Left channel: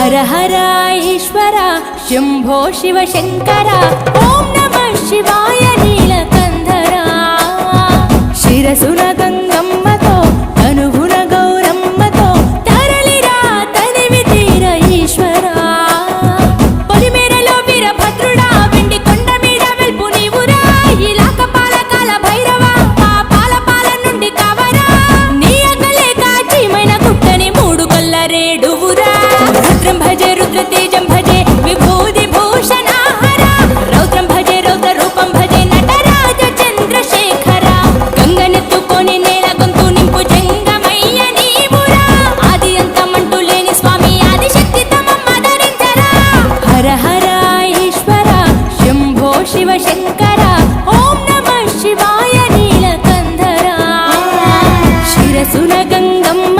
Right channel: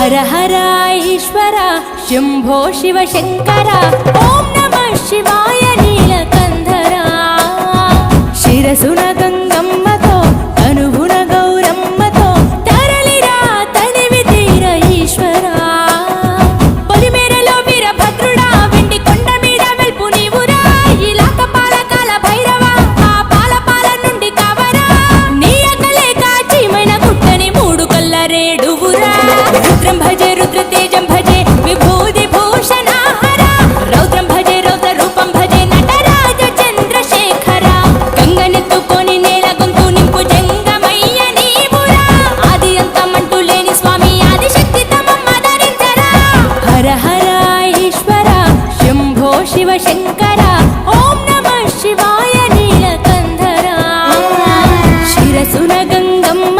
హర హర ఈశ్వర శంభో శివ శంకర ఓం నమః శివాయ నీలకంధర శిరసున గంగమ్మతో తనువున గౌరమ్మతో తరలిరా తనివి తీర ఈశ్వరా పొలిమేరలో వీరభద్రుడా వెండి కొండ మీద వెల్పు నీవురా ఇలాక పాలకాల భైరవ ఆ పాల నుండి కవరా నీ అగలే కాచీమైన కుట్టని మూడు కల్ల రేడువురా రుద్రం భజే రుద్ర తేజం భజే విభూతి భూషణాహర రౌద్రం భజే రౌద్ర రూపం భజే నటరాజ చంద్రశేఖర గంగనెత్తుకొని నేల గొంతు నింపు జంగమయ్య నీవురా ఆది అంతమంటూ లేని స్వామి ఆదిశక్తి తమమ్మ ధరించరా హర హర ఈశ్వర శంభో శివ శంకర ఓం నమః శివాయ నీలకంధర శిరసున గంగమ్మ